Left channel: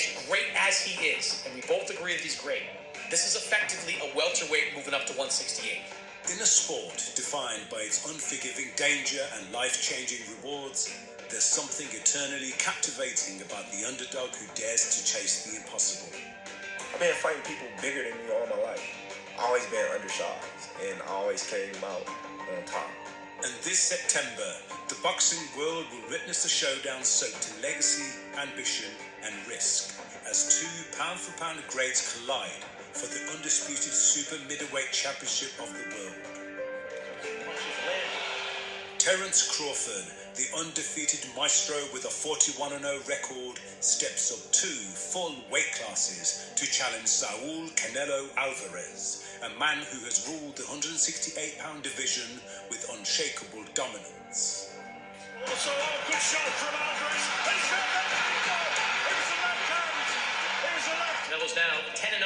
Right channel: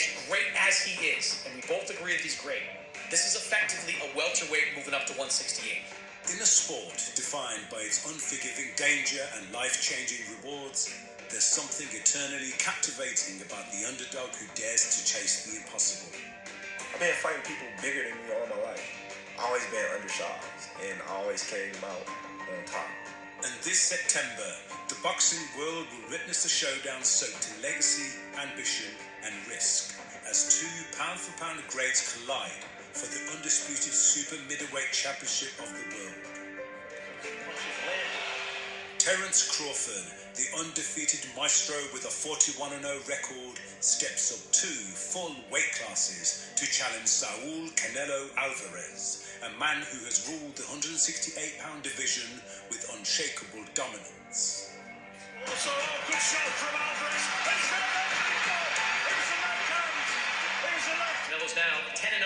as great as he is, and we both agree that he's great, this is effectively a welterweight moving up to 168. In a sport defined by its unforgiving danger and life-changing rewards, there's something eternally captivating about the underdog who dares to chase the impossible. I've been fighting people bigger than me all my life. I always been underdogs, and I always came out on top. And this September, the boxing world will witness a showdown soaked in legacy, ambition, and risk, as two pound-for-pound greats collide for the undisputed super middleweight championship of the world. Terence Crawford, the undefeated maestro with a 41-0 record, steps up 2 full weight classes to challenge Saul Canelo Alvarez, a man who has ruled the 168-pound division with unshakable dominance. Also, good shot from Alvarez. Canelo's down 10-0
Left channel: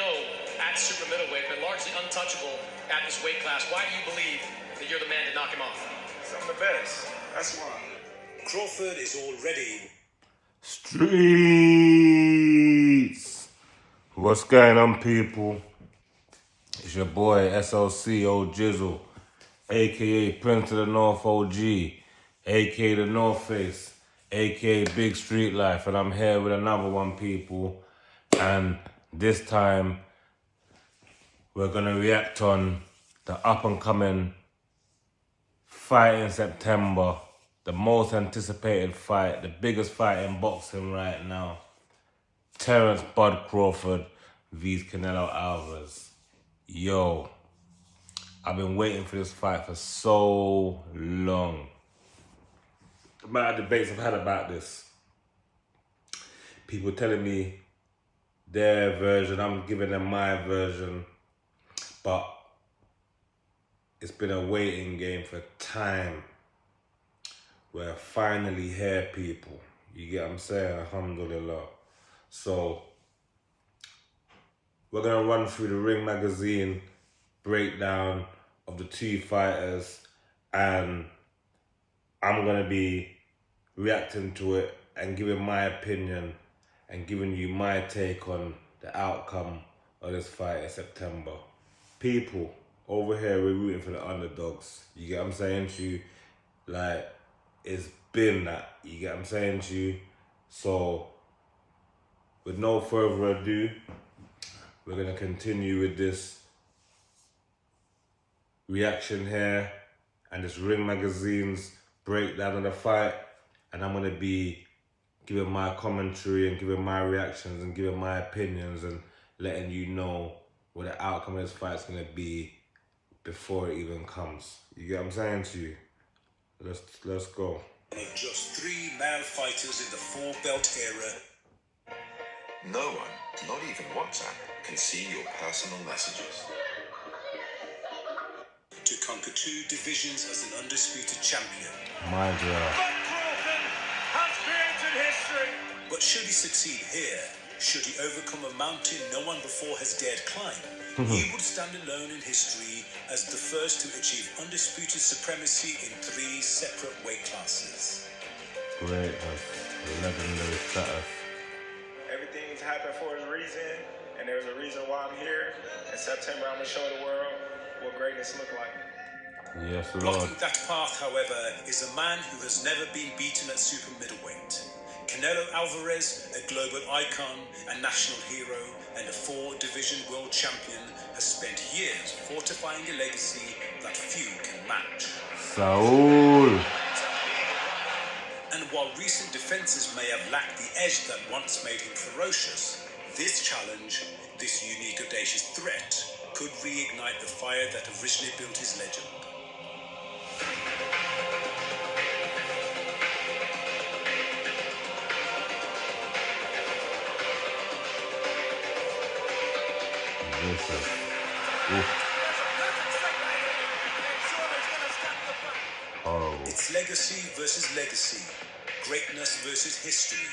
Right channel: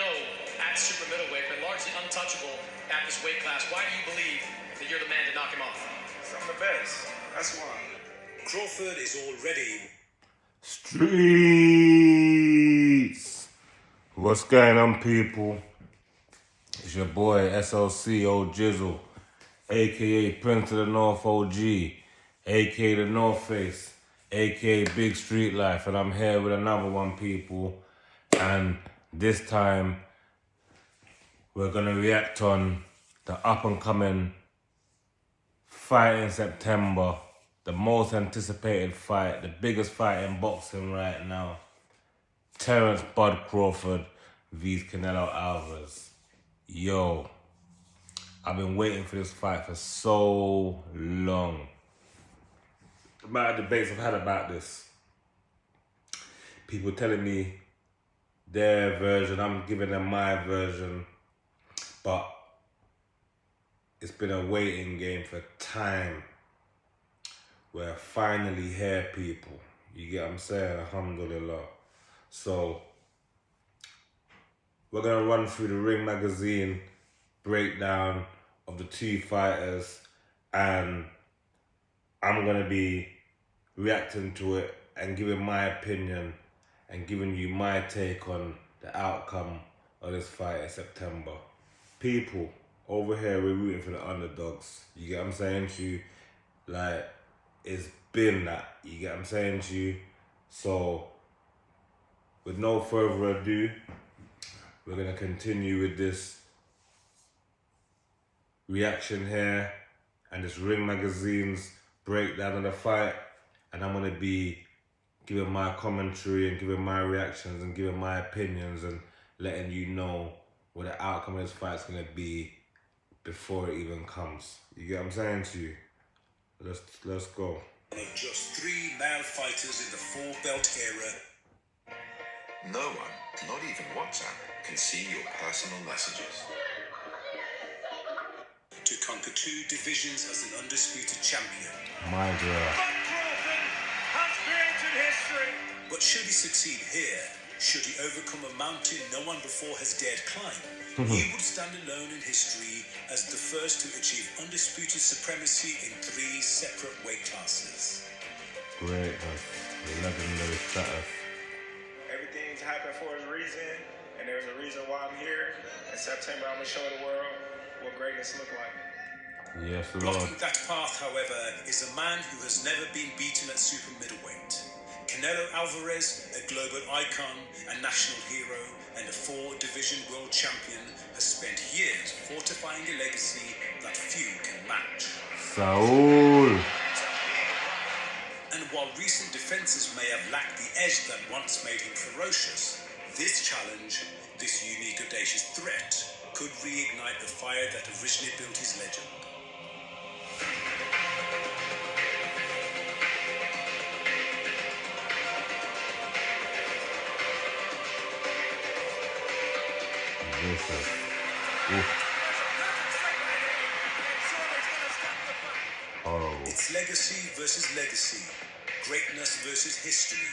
at super middleweight, but largely untouchable at this weight class. Why do you believe that you're the man to knock him off? I'm the best. That's why. Crawford is already Streets. What's going on, people? It's your boy SLC Old Jizzle, aka Prince of the North OG, aka the North Face, aka Big Street Life, and I'm here with another one, people. And this time we're gonna react on the up and coming fight in September. The most anticipated fight, the biggest fight in boxing right now. Terence Bud Crawford vs Canelo Alvarez. Yo, I've been waiting for this fight for so long. The amount of debates I've had about this. People telling me their version, I'm giving them my version. But it's been a waiting game for time. We're finally here, people. You get what I'm saying? Alhamdulillah. So, we're going to run through the Ring Magazine breakdown of the two fighters, and I'm going to be reacting to it and giving my opinion and giving you my take on the outcome of this fight in September. People, over here, we're rooting for the underdogs. You get what I'm saying to you? Like, it's been that, you get what I'm saying to you? So, with no further ado, we're going to continue with this reaction here and this Ring Magazine's breakdown of the fight, and I'm going to be giving my commentary and giving my reactions and giving my opinions and letting you know what the outcome of this fight is going to be before it even comes. You get what I'm saying to you? Let's go. Of just 3 male fighters in the 4-belt era. No one, not even WhatsApp, can see your personal messages. To conquer 2 divisions as an undisputed champion. My God. Crawford has created history. But should he succeed here, should he overcome a mountain no one before has dared climb, he would stand alone in history as the first to achieve undisputed supremacy in 3 separate weight classes. Great, legendary status. Everything's happened for a reason, and there's a reason why I'm here. In September, I'm going to show the world what greatness looks like. Yes, Lord. Blocking that path, however, is a man who has never been beaten at super middleweight. Canelo Alvarez, a global icon and national hero, and a 4-division world champion, has spent years fortifying a legacy that few can match. Saul. And while recent defenses may have lacked the edge that once made him ferocious, this challenge, this unique audacious threat, could reignite the fire that originally built his legend. Horrible. It's legacy versus legacy, greatness versus history.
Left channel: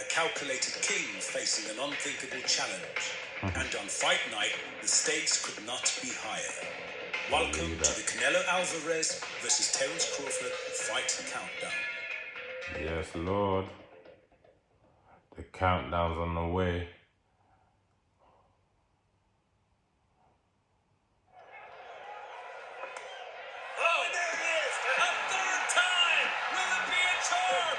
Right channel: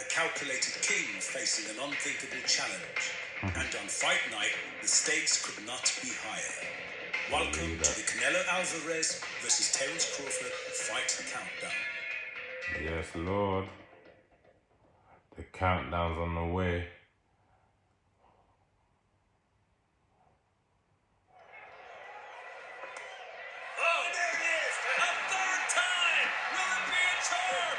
A calculated king facing an unthinkable challenge. And on fight night, the stakes could not be higher. Welcome to the Canelo Alvarez versus Terence Crawford Fight Countdown. Yes, Lord. The countdown's on the way. Oh, there it is. A third time. Will it be a charm?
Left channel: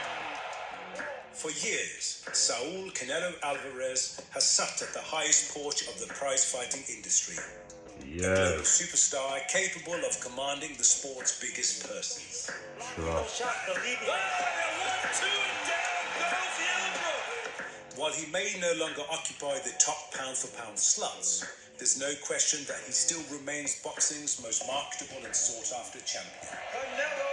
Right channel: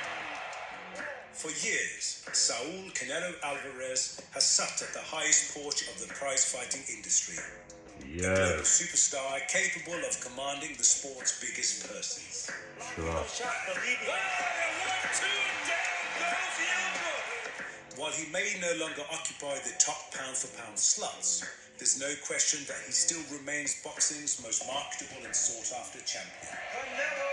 For years, Saul Canelo Alvarez has sat at the highest perch of the prize-fighting industry. A global Yes, superstar capable of commanding the sport's biggest purses. sure. Shot the leading. Oh, and 1-2, and down goes the elbow. While he may no longer occupy the top pound-for-pound slots, there's no question that he still remains boxing's most marketable and sought-after champion. Canelo.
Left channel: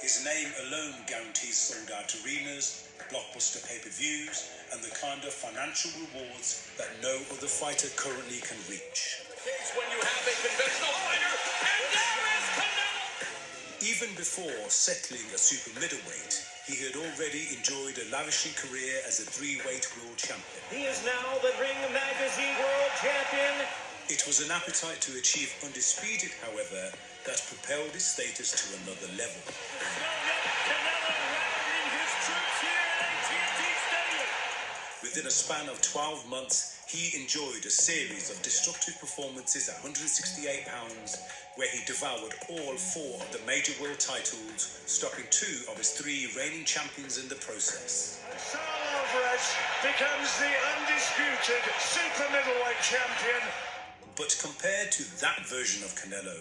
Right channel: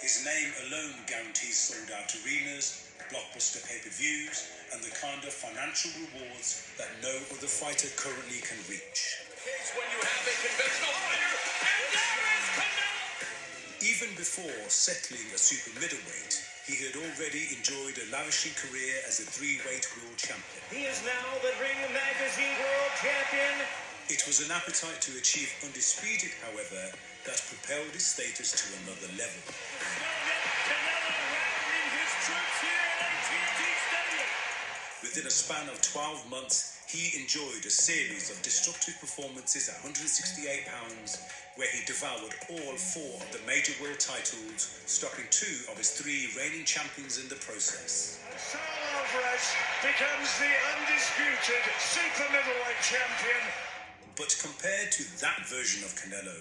His name alone guarantees sold-out arenas, blockbuster pay-per-views, and the kind of financial rewards that no other fighter currently can reach. Cage when you have a conventional fighter, and there is Canelo! Even before settling a super middleweight, he had already enjoyed a lavishing career as a three-weight world champion. He is now the Ring Magazine World Champion. It was an appetite to achieve undisputed, however, that propelled his status to another level. Canelo rallying his troops here at AT&T Stadium. Within a span of 12 months, he enjoyed a series of destructive performances at 168 pounds, where he devoured all 4 of the major world titles, stopping 2 of his 3 reigning champions in the process. Saul Alvarez becomes the undisputed super middleweight champion. But compared to that version of Canelo,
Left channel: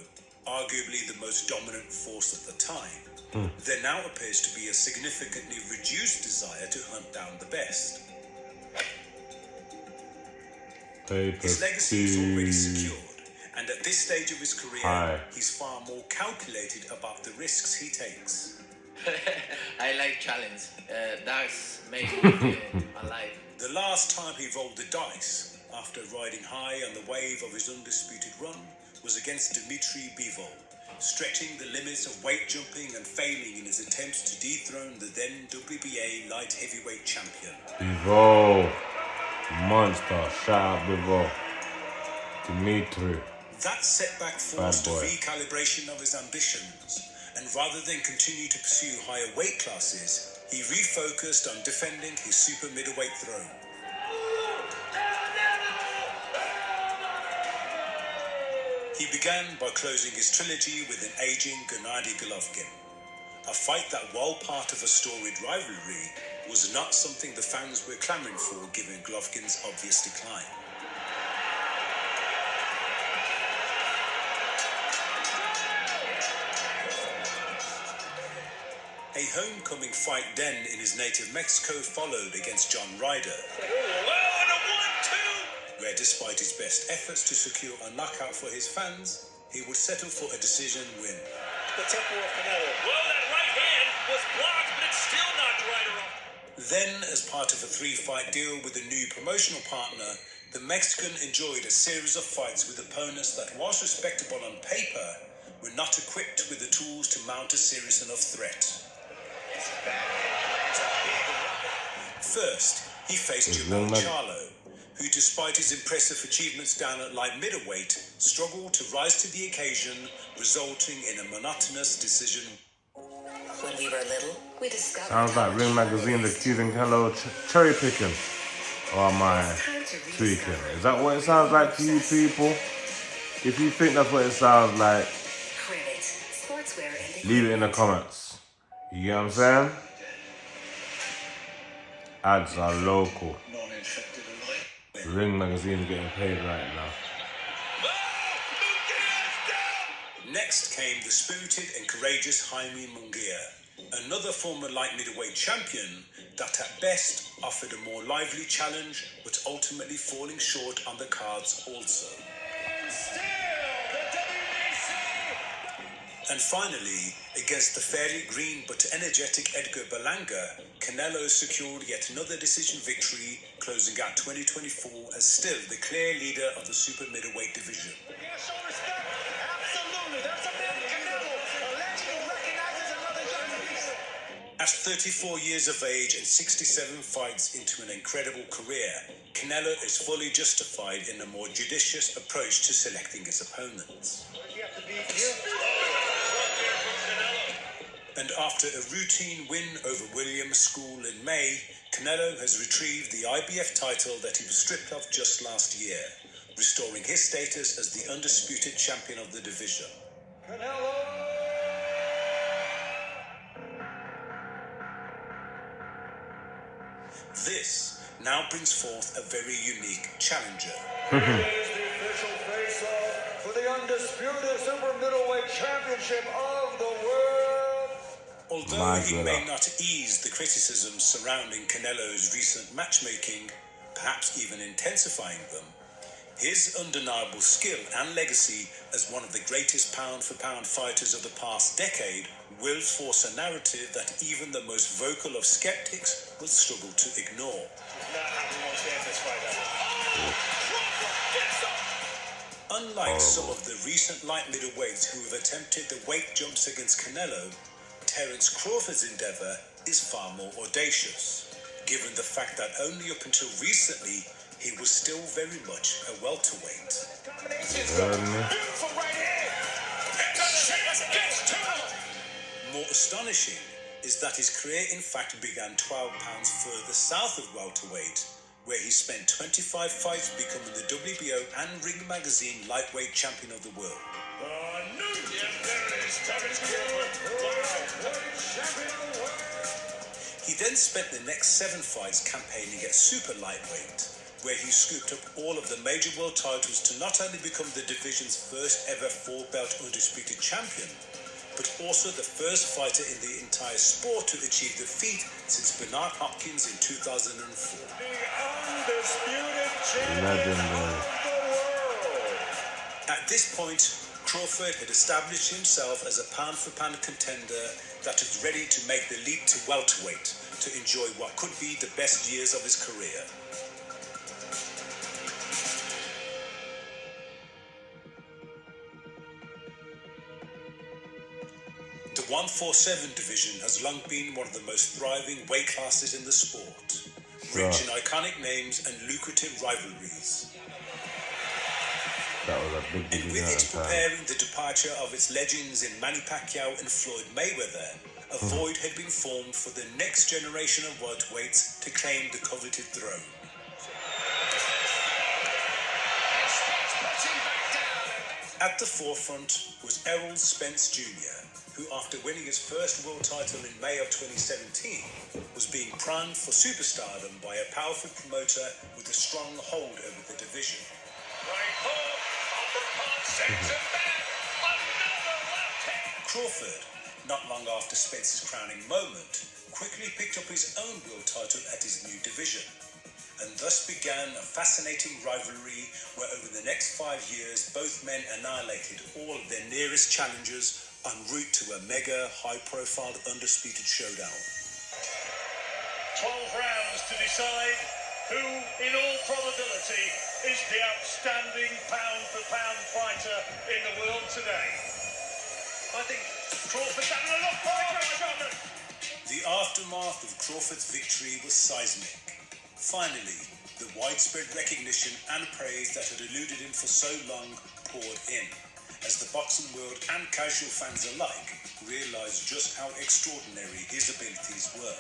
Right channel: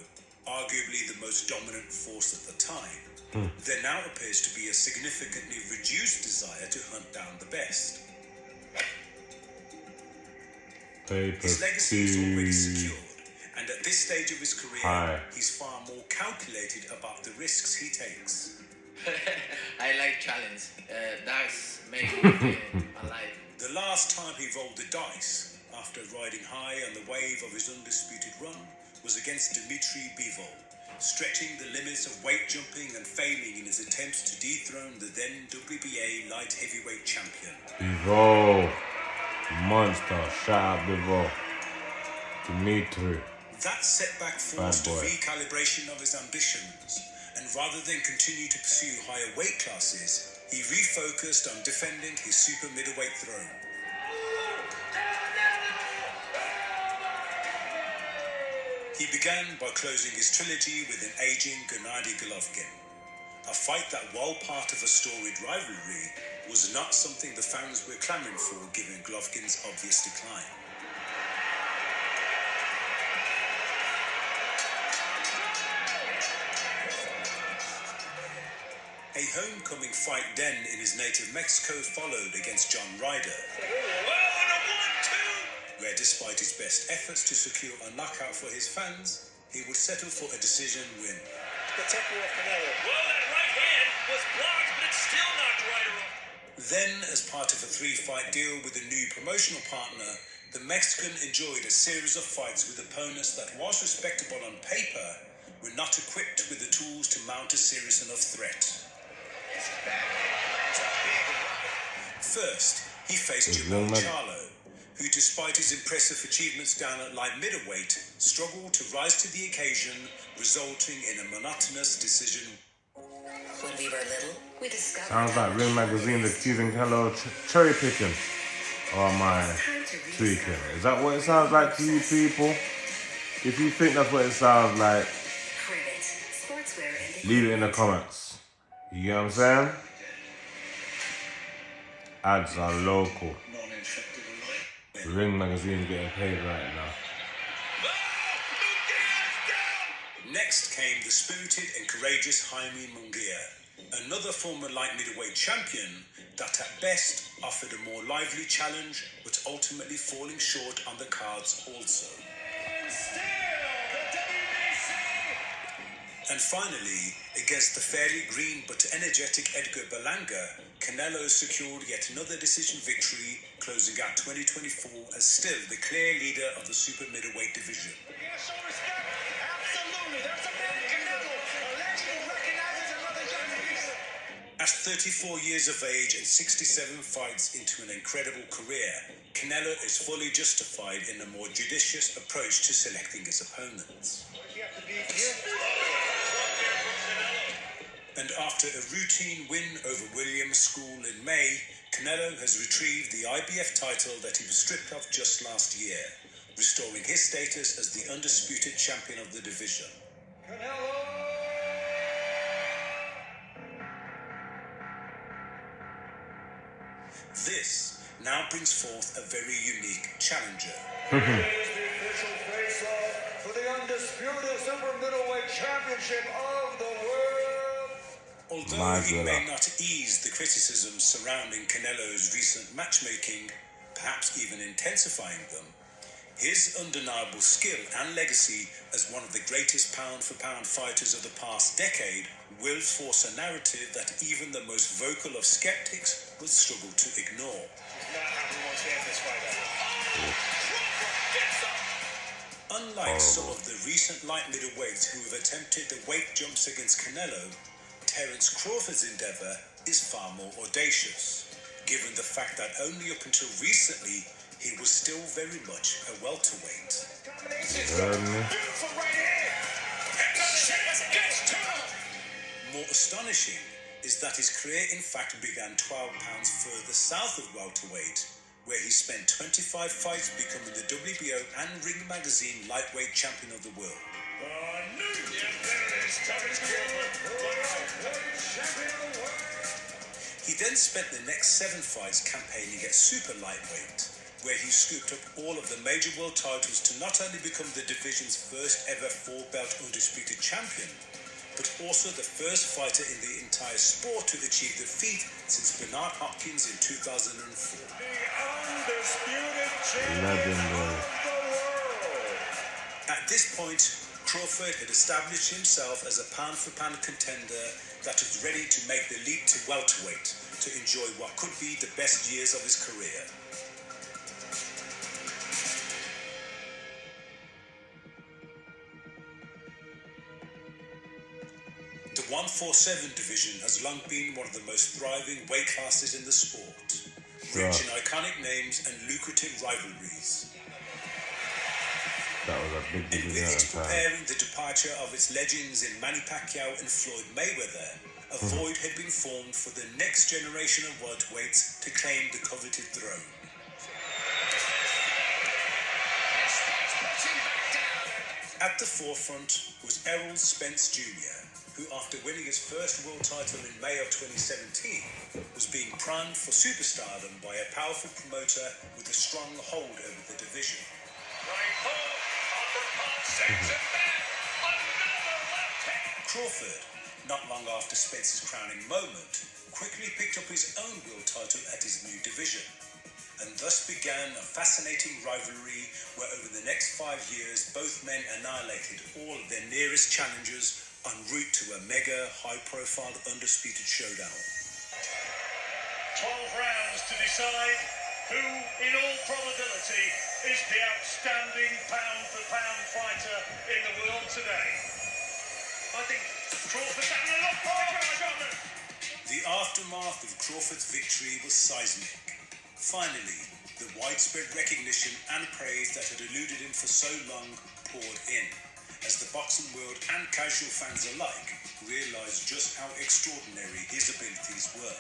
arguably the most dominant force at the time, there now appears to be a significantly reduced desire to hunt down the best. His legacy is already secured, and at this stage of his career, he's far more calculated about the risks he takes. I like challenge. That's makes me feel alive. The last time he rolled the dice, after riding high on the wave of his undisputed run, was against Dmitry Bivol, stretching the limits of weight jumping and failing in his attempts to dethrone the then WBA light heavyweight champion. Bivol. Monster. Shout out Bivol. Dimitri. That setback forced a recalibration of his ambitions, and rather than continue to pursue higher weight classes, he refocused on defending his super middleweight throne. He began by closing his trilogy with an aging Gennady Golovkin, a fight that, while part of a storied rivalry, was not something the fans were clamoring for given Golovkin's obvious decline. A homecoming fight then in his native Mexico followed against John Ryder, where despite his best efforts to secure a knockout for his fans, he would settle for a decision win. The tempo of Canelo. Well, that right hand was blocked, but it still knocked Ryder off. Then, as part of a 3-fight deal with a new promotional partner, the Mexican enjoyed a series of fights with opponents that, whilst respectable on paper, were not equipped with the tools to mount a serious enough threat. First, he faced Jamal Charlo, who, despite his impressive achievements down at light middleweight, struggled to rise to the occasion, resulting in a monotonous decision. When we were little, we discovered... Sounds like Ring Magazine accusing Canelo cherry picking. Or am I tweaking? Is that what it sounds like to you people? If you think that's what it sounds like, leave it in the comments. You get what I'm saying? Ads are local. Ring Magazine getting paid right now. Next came the spirited and courageous Jaime Munguia, another former light middleweight champion that at best offered a more lively challenge, but ultimately falling short on the cards also. And finally, against the fairly green but energetic Edgar Berlanga, Canelo secured yet another decision victory, closing out 2024 as still the clear leader of the super middleweight division. At 34 years of age and 67 fights into an incredible career, Canelo is fully justified in a more judicious approach to selecting his opponents. And after a routine win over Williams School in May, Canelo has retrieved the IBF title that he was stripped of just last year, restoring his status as the undisputed champion of the division. Canelo! This now brings forth a very unique challenger. It is the official face-off for the undisputed super middleweight championship of the world. Although he may not ease the criticisms surrounding Canelo's recent matchmaking, perhaps even intensifying them, his undeniable skill and legacy as one of the greatest pound-for-pound fighters of the past decade will force a narrative that even the most vocal of skeptics will struggle to ignore. Not how we want to stand this fight ever. Unlike some of the recent light middleweights who have attempted the weight jumps against Canelo, Terence Crawford's endeavour is far more audacious, given the fact that only up until recently he was still very much a welterweight. More astonishing is that his career in fact began 12 pounds further south of welterweight, where he spent 25 fights becoming the WBO and Ring Magazine lightweight champion of the world. He then spent the next 7 fights campaigning at super lightweight, where he scooped up all of the major world titles to not only become the division's first ever 4-belt undisputed champion, but also the first fighter in the entire sport to achieve the feat since Bernard Hopkins in 2004. The undisputed champion of the world. At this point, Crawford had established himself as a pound-for-pound contender that was ready to make the leap to welterweight to enjoy what could be the best years of his career. The 147 division has long been one of the most thriving weight classes in the sport, rich in iconic names and lucrative rivalries. That was a big And division with at it the time. preparing the departure of its legends in Manny Pacquiao and Floyd Mayweather, a void had been formed for the next generation of welterweights to claim the coveted throne. At the forefront was Errol Spence Jr., who after winning his first world title in May of 2017 was being primed for superstardom by a powerful promoter with a strong hold over the division. Right hook, uppercut, sends him back. Another left hand. Crawford, not long after Spence's crowning moment, quickly picked up his own world title at his new division, and thus began a fascinating rivalry where over the next 5 years both men annihilated all of their nearest challengers en route to a mega high-profile undisputed showdown. 12 rounds to decide who, in all probability, is the outstanding pound-for-pound fighter in the world today. I think Crawford's having a look for it. The aftermath of Crawford's victory was seismic. Finally, the widespread recognition and praise that had eluded him for so long poured in, as the boxing world and casual fans alike realised just how extraordinary his abilities were.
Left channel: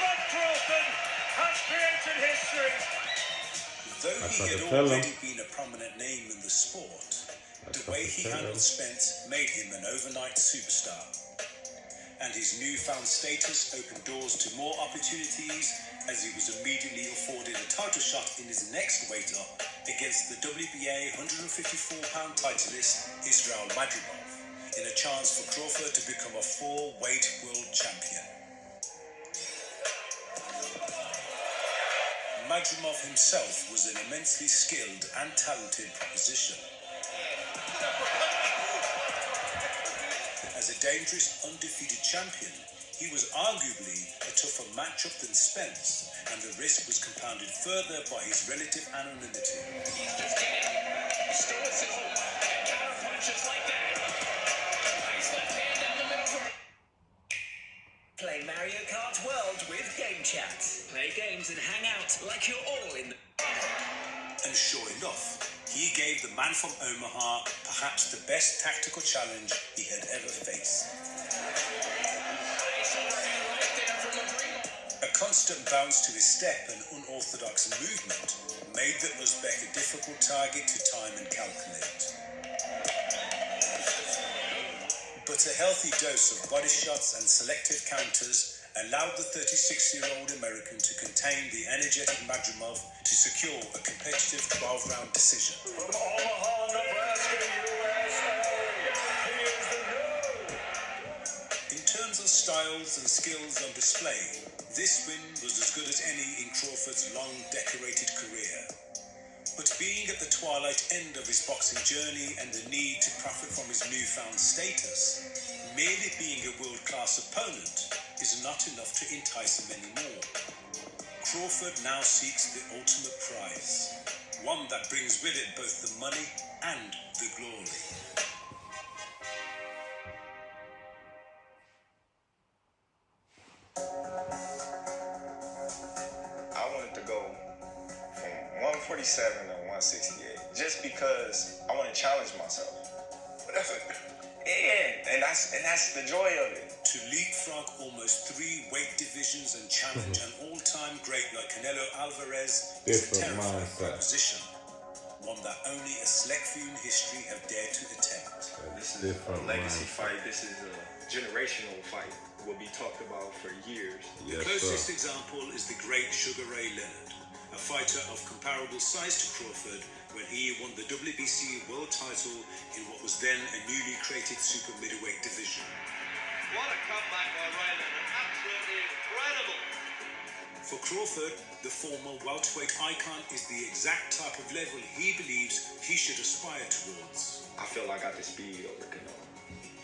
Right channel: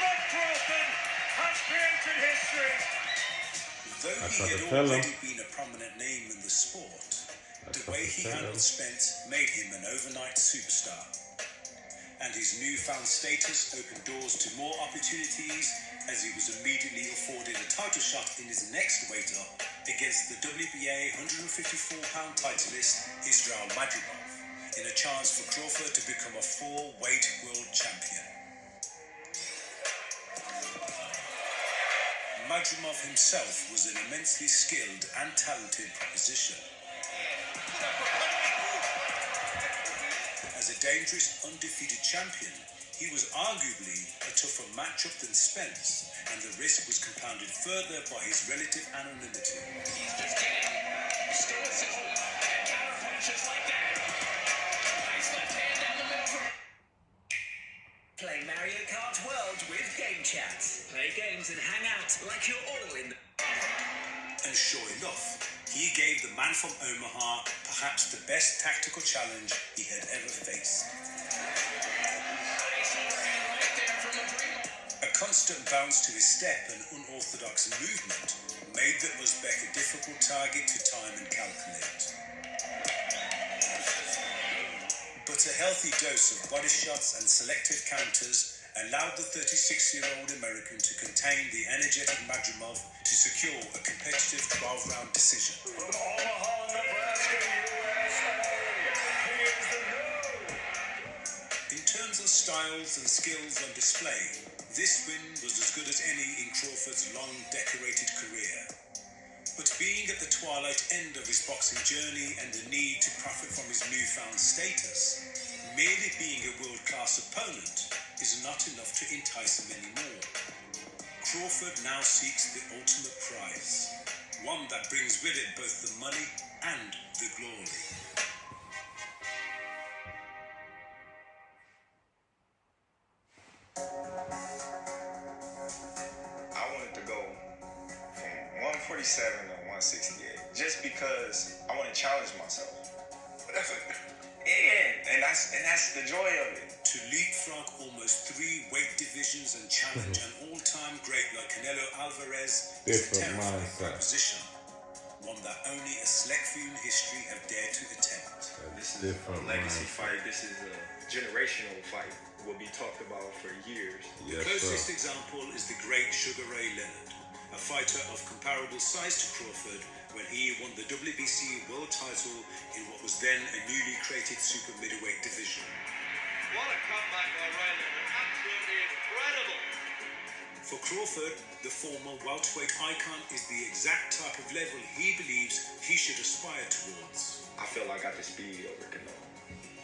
But Crawford has created history. Though he had already been a prominent name in the sport, the way he handled Spence made him an overnight superstar. And his newfound status opened doors to more opportunities, as he was immediately afforded a title shot in his next weight up against the WBA 154-pound titleist Israel Madrimov, in a chance for Crawford to become a 4-weight world champion. Madrimov himself was an immensely skilled and talented proposition. As a dangerous, undefeated champion, he was arguably a tougher matchup than Spence, and the risk was compounded further by his relative anonymity. Play Mario Kart World with Game Chat. Play games and hang out like you're all in the... And sure enough, he gave the man from Omaha perhaps the best tactical challenge he had ever faced. constant bounce to his step and unorthodox movement made the Uzbek a difficult target to time and calculate. But a healthy dose of body shots and selected counters allowed the 36-year-old American to contain the energetic Madrimov to secure a competitive 12-round decision. From Omaha, Nebraska, USA, here's the news. In terms of styles and skills on display, this win was as good as any in Crawford's long, decorated career. But being at the twilight end of his boxing journey and the need to profit from his newfound status, merely being a world-class opponent is not enough to entice him anymore. Crawford now seeks the ultimate prize, one that brings with it both the money and the glory. I wanted to go from 147 to 168 just because I want to challenge myself. Yeah, and that's the joy of it. To leapfrog almost 3 weight divisions and challenge an all-time great like Canelo Alvarez is a Different terrifying mindset. proposition, one that only a select few in history have dared to attempt. This is a Different legacy mindset. fight. This is a generational fight. Will be talked about for years. Yes, Closest sir. example is the great Sugar Ray Leonard, a fighter of comparable size to Crawford when he won the WBC world title in what was then a newly created super middleweight division. What a comeback by Ray Leonard. Absolutely incredible. For Crawford, the former welterweight icon is the exact type of level he believes he should aspire towards. I feel I got the speed over Canelo.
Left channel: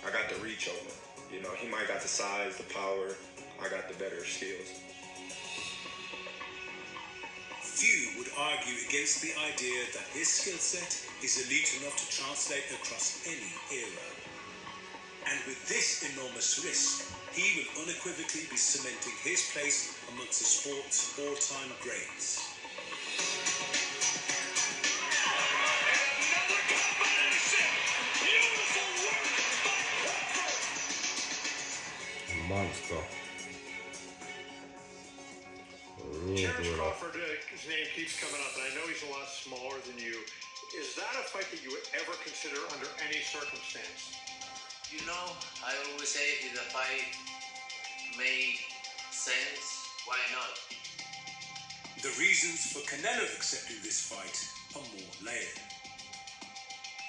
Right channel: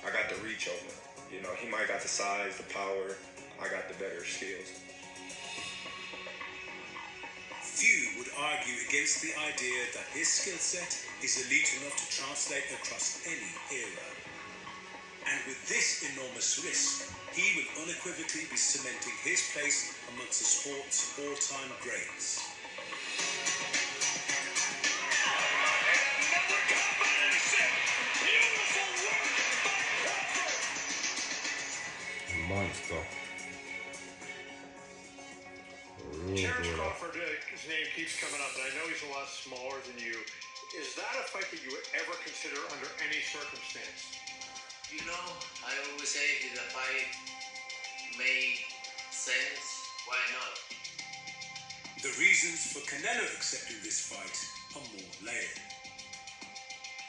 I got the reach over. You know, he might got the size, the power. I got the better skills. Few would argue against the idea that his skill set is elite enough to translate across any era. And with this enormous risk, he will unequivocally be cementing his place amongst the sport's all-time greats. Monster. Real Terence good. Crawford, his name keeps coming up, and I know he's a lot smaller than you. Is that a fight that you would ever consider under any circumstance? You know, I always say if the fight made sense, why not? The reasons for Canelo accepting this fight are more layered.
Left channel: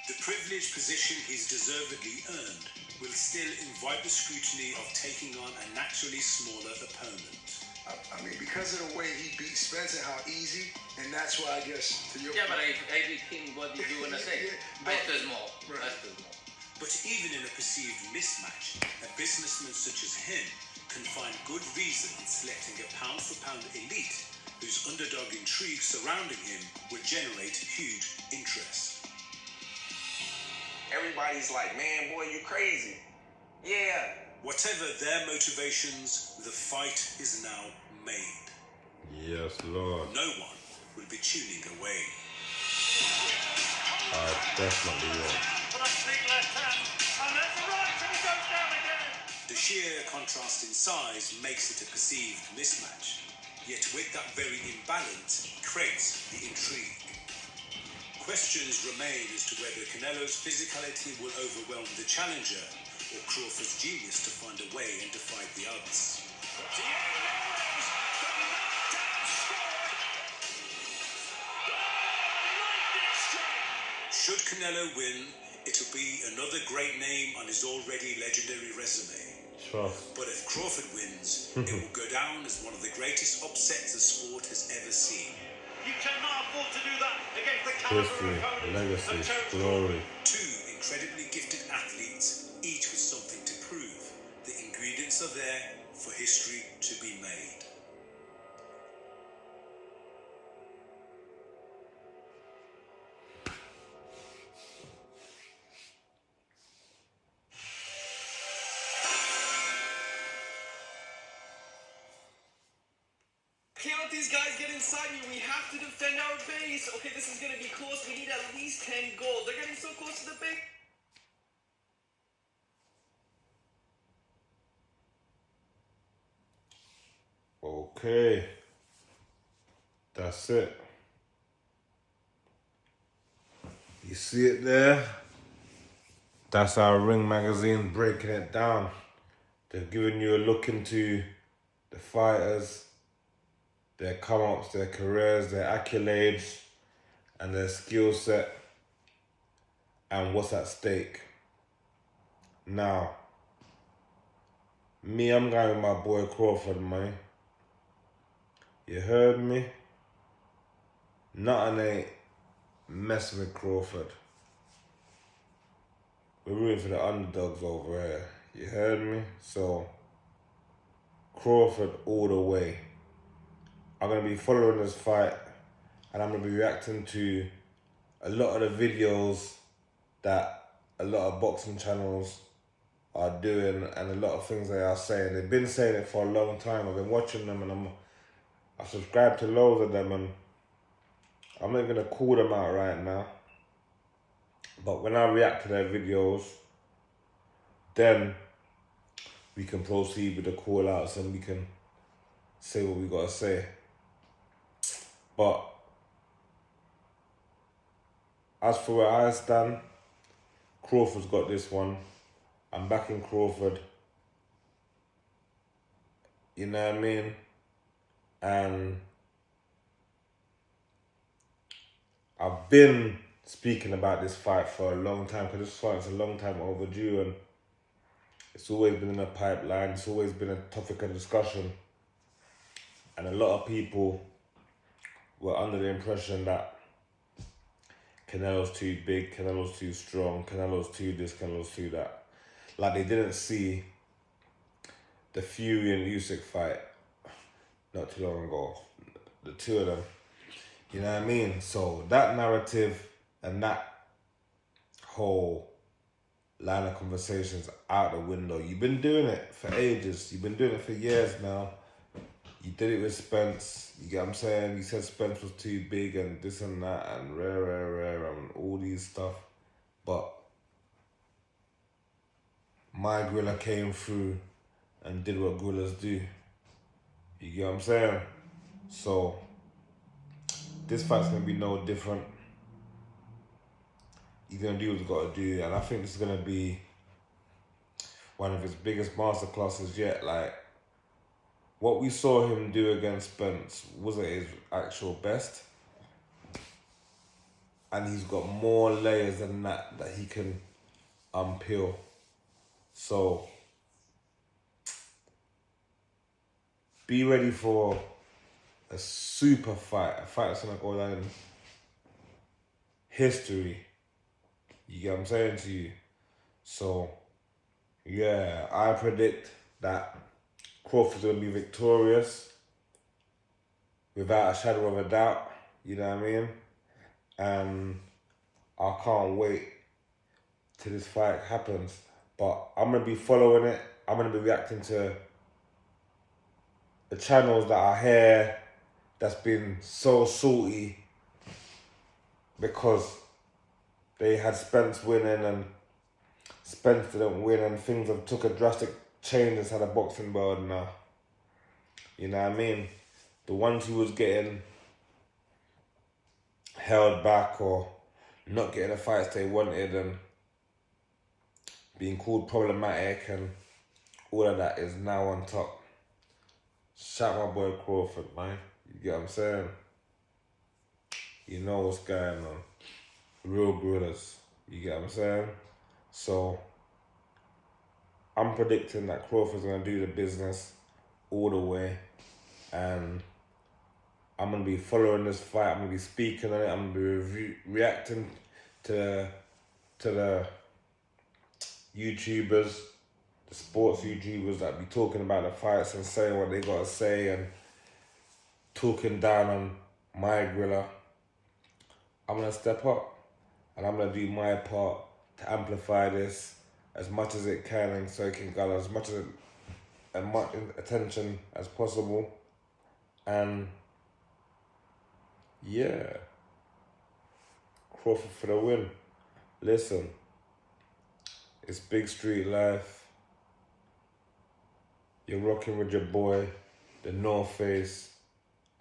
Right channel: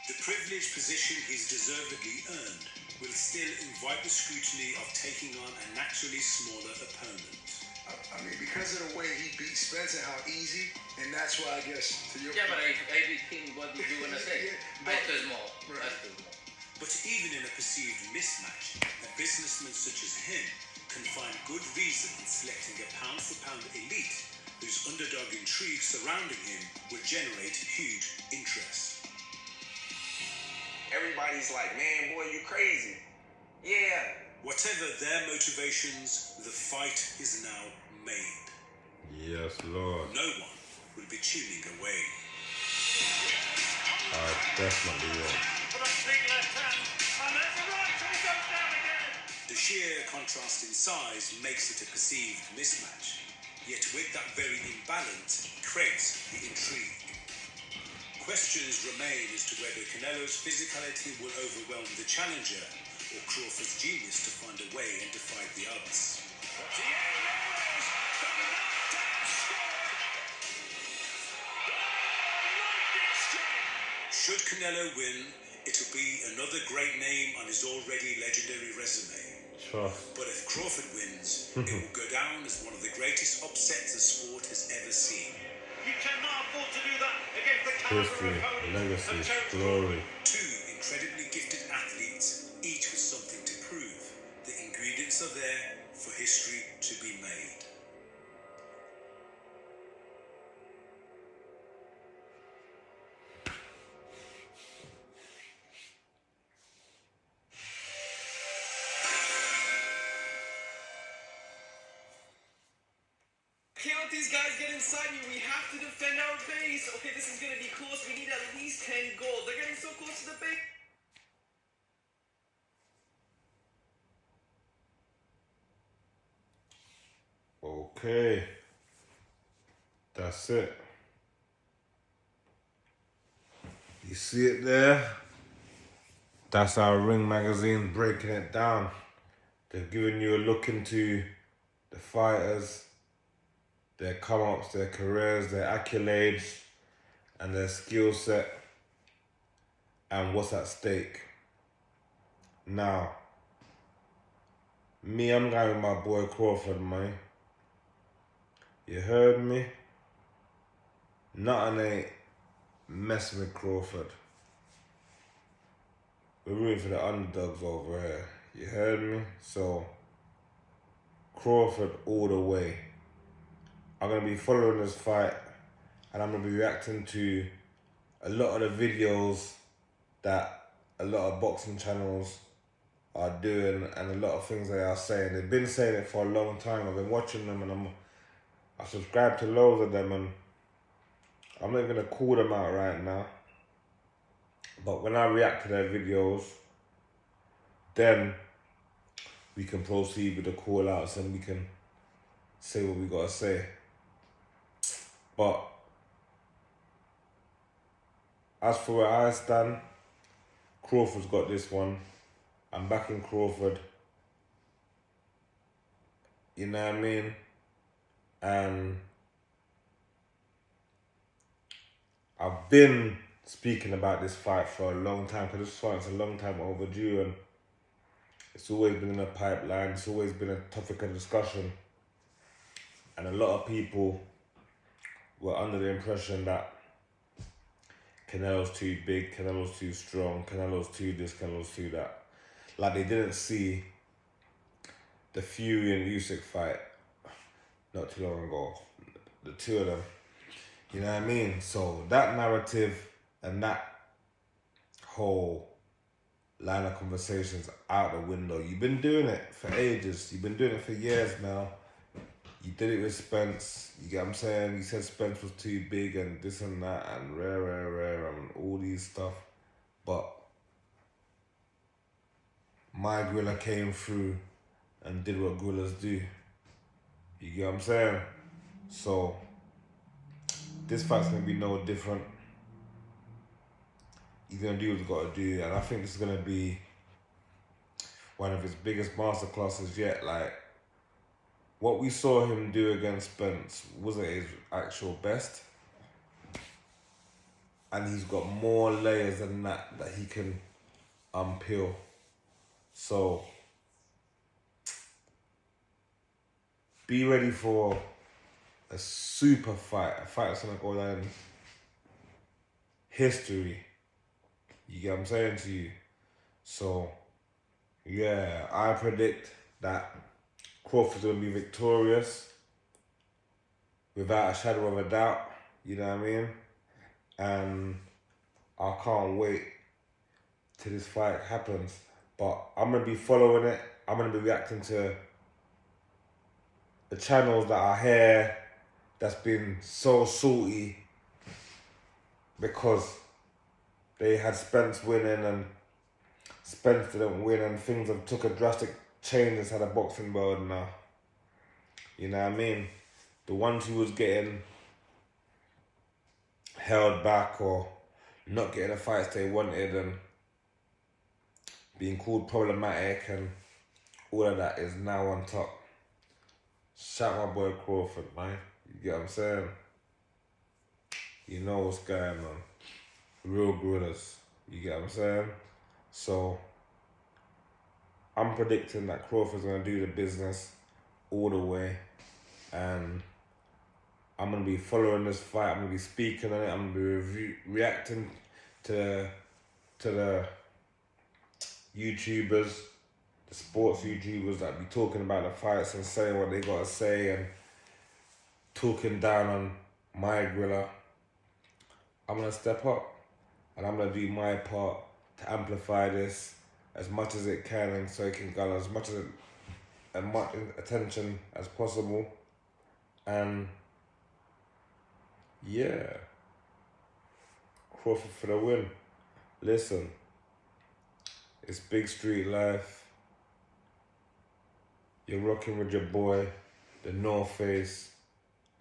The privileged position he's deservedly earned will still invite the scrutiny of taking on a naturally smaller opponent. I mean, because of the way he beat Spencer, how easy, and that's why I guess to your Yeah, but I think what did you wanna say? but- I feel more. Right. I feel more. But even in a perceived mismatch, a businessman such as him can find good reason in selecting a pound-for-pound elite whose underdog intrigue surrounding him would generate huge interest. Everybody's like, man, boy, you crazy. Yeah. Whatever their motivations, the fight is now made. Yes, Lord. No one will be tuning away. I definitely will. But a big left hand, and then the right, and it goes down again. The sheer contrast in size makes it a perceived mismatch. Yet with that very imbalance creates the intrigue. Questions remain as to whether Canelo's physicality will overwhelm the challenger or Crawford's genius to find a way and defy the odds. Should Canelo win, it'll be another great name on his already legendary resume. Trust. But if Crawford wins, it will go down as one of the greatest upsets the sport has ever seen. You cannot afford to do that against the caliber History, opponent. legacy, of Terence glory. Two incredibly gifted athletes, each with something to prove. The ingredients are there for history to be made. Can't these guys get inside me? We have to defend our base. Okay, this is gonna be close. We need at least 10 gold. They're getting so close to the base. Okay. That's it. You see it there? That's our Ring magazine breaking it down. They've given you a look into the fighters, their come-ups, their careers, their accolades, and their skill set, and what's at stake. Now, me, I'm going with my boy Crawford, man. You heard me? Nothing ain't messing with Crawford. We're rooting for the underdogs over here. You heard me? So, Crawford all the way. I'm going to be following this fight, and I'm going to be reacting to a lot of the videos that a lot of boxing channels are doing and a lot of things they are saying. They've been saying it for a long time. I've been watching them, and I subscribe to loads of them, and I'm not going to call them out right now. But when I react to their videos, then we can proceed with the call outs and we can say what we got to say. But as for where I stand, Crawford's got this one. I'm backing Crawford. You know what I mean? And I've been speaking about this fight for a long time, because this fight's a long time overdue, and it's always been in a pipeline. It's always been a topic of discussion, and a lot of people were under the impression that Canelo's too big, Canelo's too strong, Canelo's too this, Canelo's too that. Like, they didn't see the Fury and Usyk fight not too long ago, the two of them. You know what I mean? So that narrative and that whole line of conversations out the window. You've been doing it for ages. You've been doing it for years now. You did it with Spence. You get what I'm saying? You said Spence was too big and this and that and rare and all these stuff. But my gorilla came through and did what gorillas do. You get what I'm saying? So this fight's gonna be no different. He's gonna do what he's gotta do, and I think this is gonna be one of his biggest masterclasses yet. Like, what we saw him do against Spence wasn't his actual best. And he's got more layers than that he can unpeel. So, be ready for a super fight, a fight that's gonna go down in history. You get what I'm saying to you? So, yeah, I predict that Crawford's gonna be victorious without a shadow of a doubt. You know what I mean? And I can't wait till this fight happens. But I'm gonna be following it. I'm gonna be reacting to the channels that are here that's been so salty because they had Spence winning and Spence didn't win, and things have took a drastic change inside the boxing world now. You know what I mean? The ones who was getting held back or not getting the fights they wanted and being called problematic and all of that is now on top. Shout my boy Crawford, man. You get what I'm saying? You know what's going on. Real gorillas. You get what I'm saying? So, I'm predicting that Crawford's going to do the business all the way. And I'm going to be following this fight. I'm going to be speaking on it. I'm going to be reacting to the YouTubers, the sports YouTubers that be talking about the fights and saying what they got to say and talking down on my gorilla. I'm going to step up. And I'm going to do my part to amplify this as much as it can, and so it can garner as much attention as possible. And yeah, Crawford for the win. Listen, it's big street life. You're rocking with your boy, the North Face,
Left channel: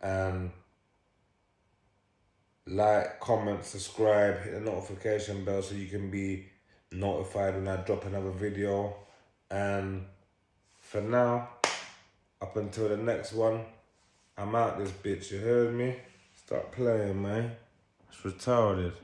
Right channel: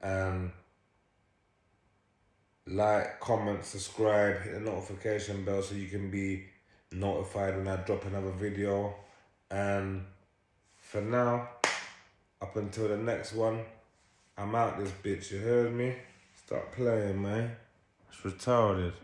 and like, comment, subscribe, hit the notification bell so you can be notified when I drop another video. And for now, up until the next one, I'm out this bitch, you heard me? Stop playing, man. It's retarded.